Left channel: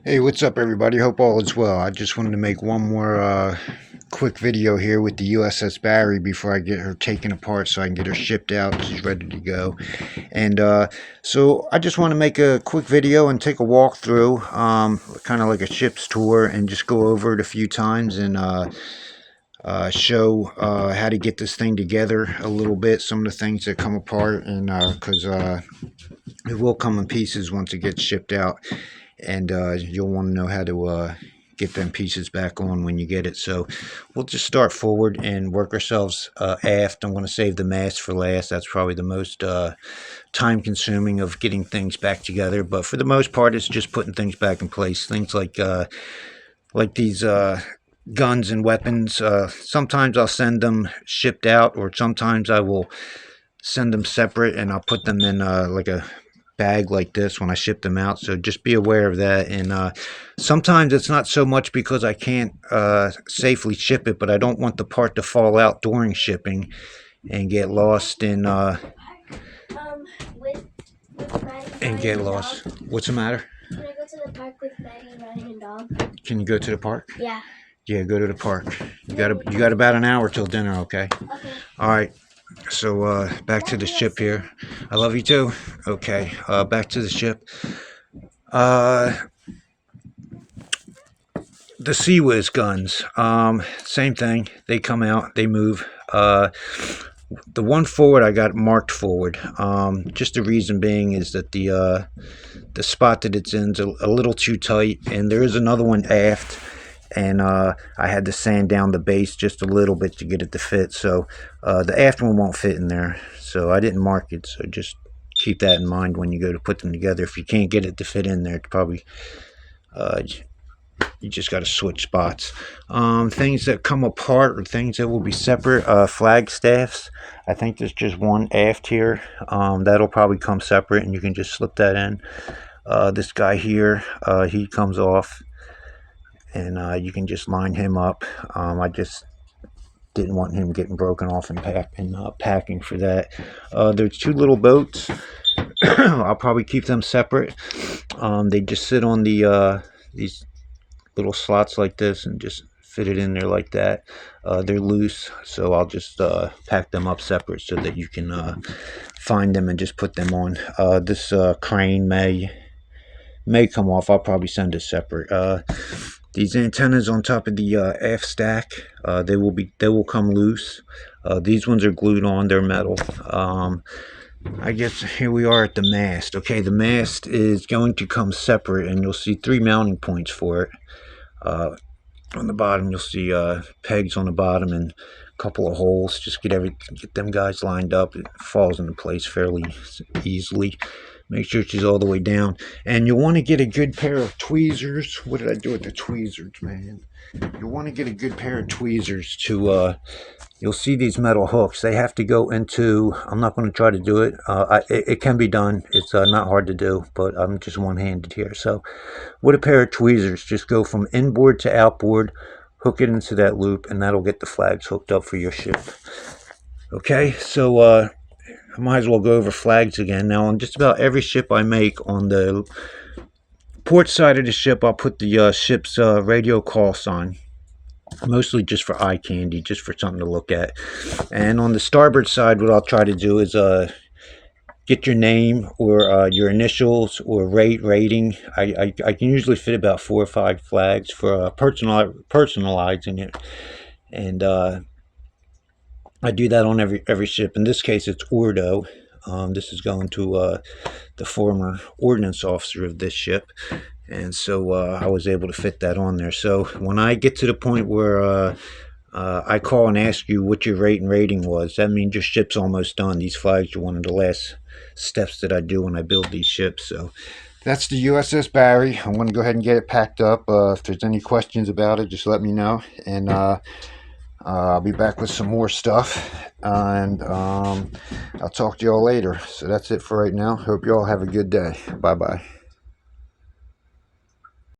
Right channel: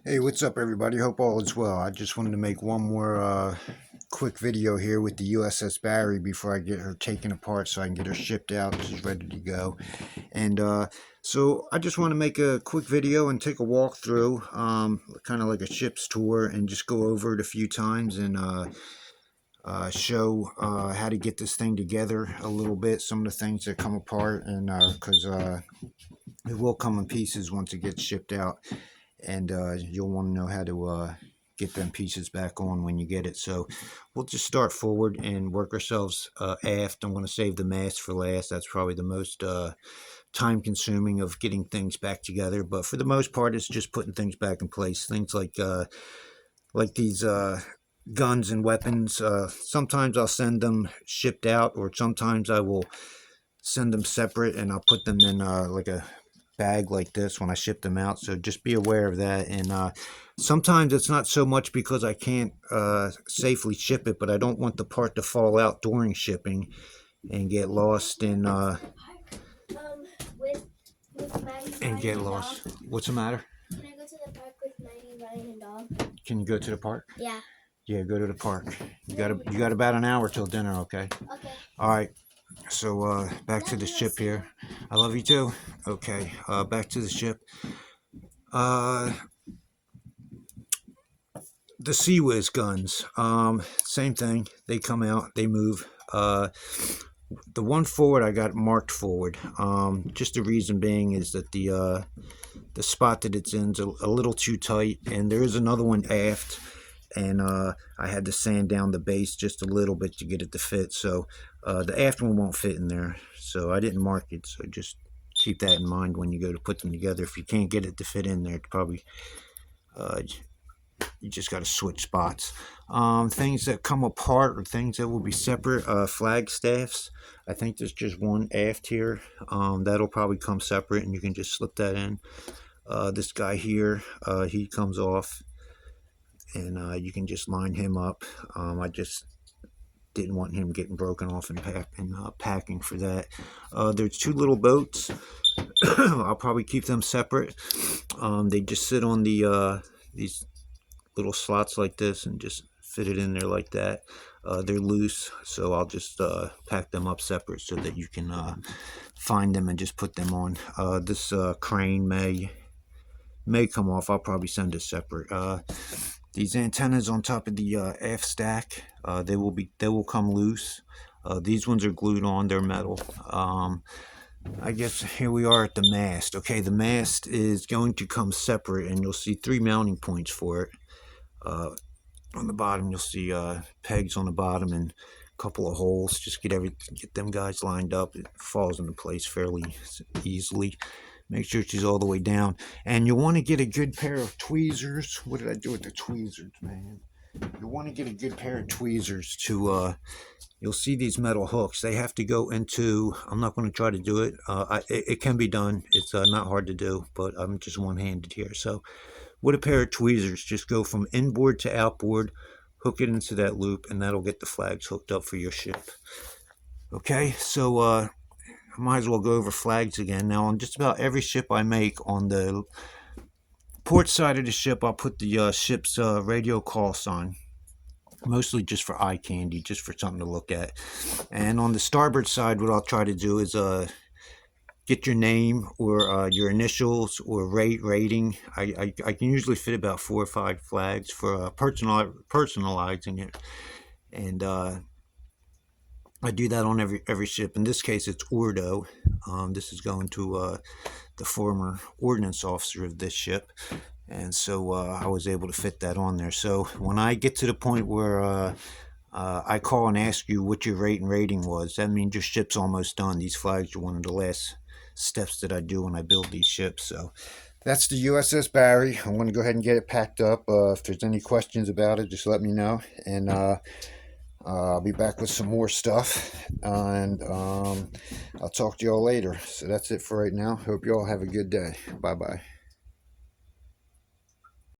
Hey, what's up, everybody? Hope all is well. I just wanted to make one more quick video here with the USS Barry before I get her taken apart so I can get her shipped out. She's ready to go. And so I just want to make a quick video and take a walk through, kind of like a ship's tour, and just go over it a few times and show how to get this thing together a little bit, some of the things that come apart, and because it will come in pieces once it gets shipped out. And you'll want to know how to get them pieces back on when you get it. So we'll just start forward and work ourselves aft. I'm going to save the mast for last. That's probably the most time consuming of getting things back together, but for the most part it's just putting things back in place. Things like these guns and weapons, sometimes I'll send them shipped out, or sometimes I will send them separate and I'll put them in like a bag like this when I ship them out. So just be aware of that. And sometimes it's not so much because I can't safely ship it, but I don't want the part to fall out during shipping and get lost in get lost. What's the matter? Can I go to the park with Maddie and riding a dog? Can you go to the park? Yeah. Yeah, go to the park. You got about an hour till dinner, okay? Okay. All right. So back to the ship here. I love you too. Okay, back to the ship. The Sea Whiz guns, same thing. They come out, they move. The one forward I got marked forward. Just the reason being is that the spot that it's in is a little too tight, and there is another one aft. And I had to sand down the base just a little bit to get it to fit. So the aft one won't fit in there. So I didn't mark it. So just keep that in mind when you go to put them together. If you can't get it to fit in there, it's probably you just got to switch spots. Things that come apart, or things that will be separate, flag staffs. I think there's just one aft here. That'll probably come separate, and you can just slip that in. This guy here, he comes off, and you can just line him up. I just didn't want him getting broken off and packing for that. There's two little boats. I'll probably keep them separate. They just sit on the these little slots like this and just fit it in there like that. They're loose, so I'll just pack them up separate so that you can find them and just put them on. This crane may come off. I'll probably send it separate. These antennas on top of the aft stack, they will come loose. These ones are glued on. They're metal. I guess here we are at the mast. Okay, the mast is going to come separate, and you'll see 3 mounting points for it. On the bottom, you'll see pegs on the bottom and a couple of holes. Just get them guys lined up. It falls into place fairly easily. Make sure she's all the way down. And you'll want to get a good pair of tweezers. What did I do with the tweezers, man? You'll want to get a good pair of tweezers to, you'll see these metal hooks. They have to go into, I'm not going to try to do it. It can be done. It's not hard to do, but I'm just one-handed here. So with a pair of tweezers, just go from inboard to outboard, hook it into that loop, and that'll get the flags hooked up for your ship. Okay, so I might as well go over flags again. Now, on just about every ship I make, on the port side of the ship, I'll put the ship's radio call sign, mostly just for eye candy, just for something to look at. And on the starboard side, what I'll try to do is get your name or your initials or rating. I can usually fit about 4 or 5 flags for personalizing it. And I do that on every ship. In this case, it's Ordo. This is going to the former ordnance officer of this ship, and so I was able to fit that on there. So when I get to the point where I call and ask you what your rate and rating was, that means your ship's almost done. These flags are one of the last steps that I do when I build these ships. So that's the USS Barry. I'm going to go ahead and get it packed up. If there's any questions about it, just let me know. And I'll be back with some more stuff, and I'll talk to y'all later. So that's it for right now. Hope y'all have a good day. Bye-bye.